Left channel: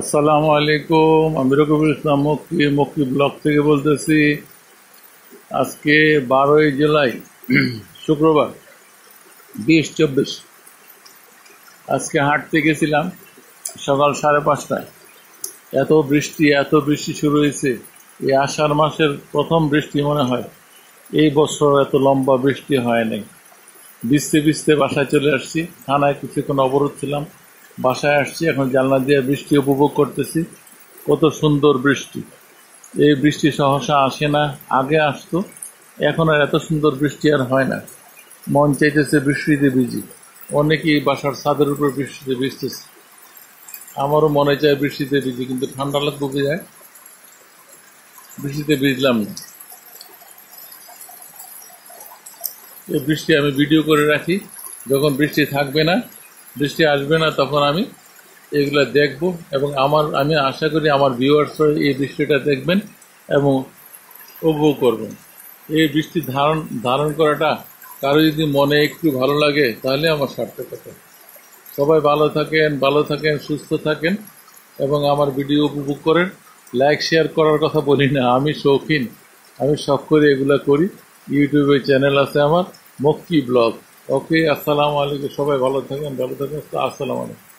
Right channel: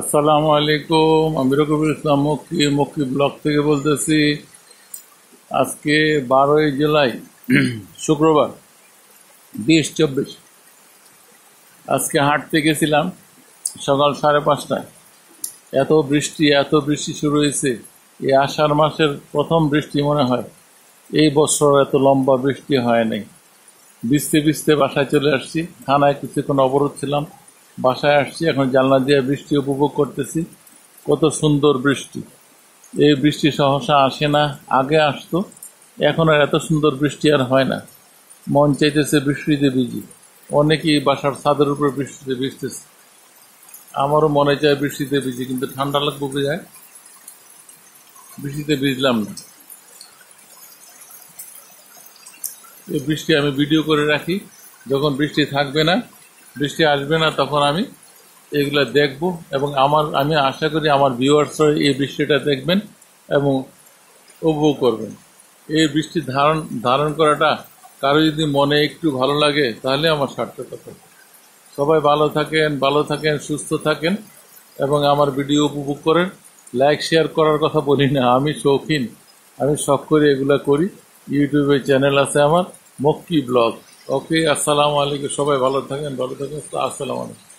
আসসালামু আলাইকুম। আমি রকিবুল ইসলাম মক্কি মক্কি ব্লগ থেকে বলতেছি। আজকে 12ই জুলাই, শুক্রবার, 2024। আজকে হাঁটতে গেছিলাম সকাল 5:30টায়। এত বৃষ্টি শুরু হয়েছে। এই আষাঢ় মাসের প্রথম বৃষ্টি মনে হয়। এই বছর এত লম্বা বৃষ্টি হয় নাই। ভিজতে ভিজতে বাসায় চলে আসছি। থানায় কিছুক্ষণ অবরোধ ছিলাম, বাসায় আসছি। এখন জানলা দিয়ে বৃষ্টি উপভোগ করতেছি। কত সুন্দর বৃষ্টি! এই বৃষ্টি সহসা আসে না, আগে আসতো। এখন আর এত সুন্দর বৃষ্টি আর হয় না। মন চাইতেছে বৃষ্টিতে ভিজি। অনেকেই বাসার ছাদের উপর বৃষ্টিতে ভিজতেছে। আমারও মনে চায় বৃষ্টিতে ভিজি, কিন্তু ঠান্ডা লাগবে যায়, বৃষ্টিতে ভিজলাম না। এই বৃষ্টি আমি ভিডিও করে রাখি। যখন বৃষ্টি থাকবে না, বৃষ্টি আসবে না, তখন আমি এগুলো দেখব। এবং আমি আশা করি আমার ভিউয়ার্সরা এই বৃষ্টিটা দেখবেন এবং উপভোগ করবেন। এই বৃষ্টি ধারণ ধারণ করাটা কারো যদি মনে একটু ভালো লাগে, তাহলে আমার সার্থকতা। সবাই ভালো থাকেন, সুস্থ থাকেন এবং আমার ভিডিও উপভোগ করেন। লাইক শেয়ার করার কথা বলি না, আমি শৌখিন, আমি শখ করে এগুলা করি। ইউটিউবে চ্যানেল আছে আমার, মক্কি ব্লগ। ওকে, আসসালামু আলাইকুম। সবাই ভালো থাকেন। আসসালামু আলাইকুম।